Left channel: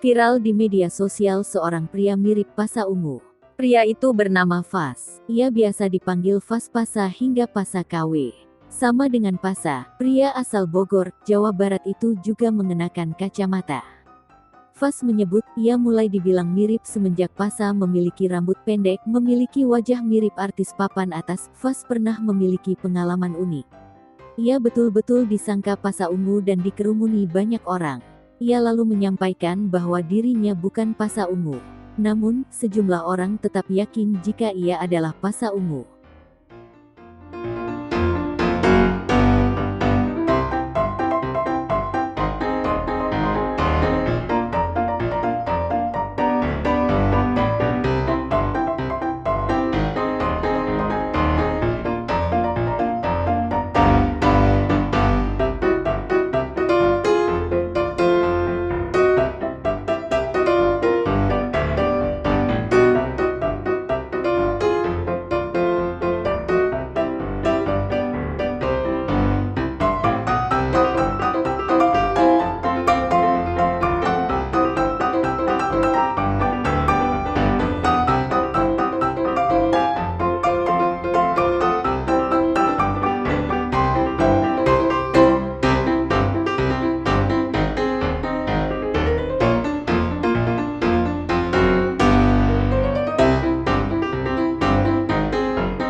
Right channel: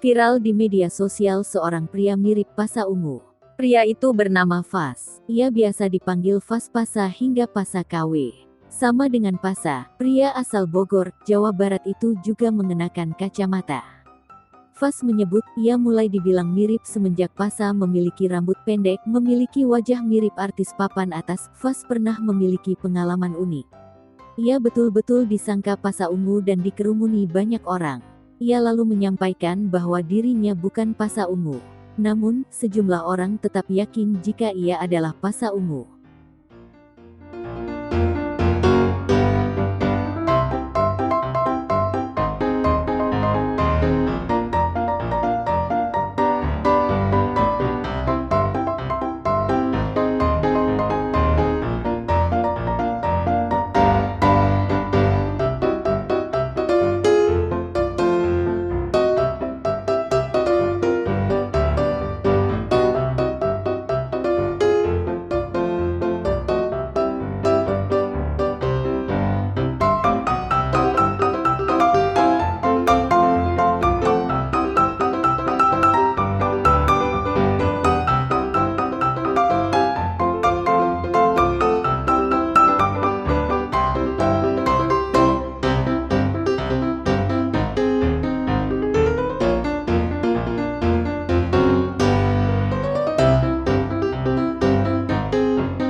Viral di media sosial seorang pria mirip Pasha Ungu. Pria itu bernama Fas. Ia biasa dipanggil Fas Pasha hingga Pasha KW. Sama dengan Pasha, pria asal Bogor, Jawa Barat itu juga mengenakan kacamata. Fas menyebut ia mulai dibilang mirip semenjak Pasha memiliki rambut pendek, memiliki wajah mirip artis papan atas. Fas pernah memiliki pengalaman unik. Ia betul-betul disangka Pasha Ungu dan dikerumuni banyak orang. Ia lalu menyampaikan bahwa dirinya bukan Pasha Ungu. Namun, sejumlah orang tetap yakin jika ia adalah Pasha Ungu.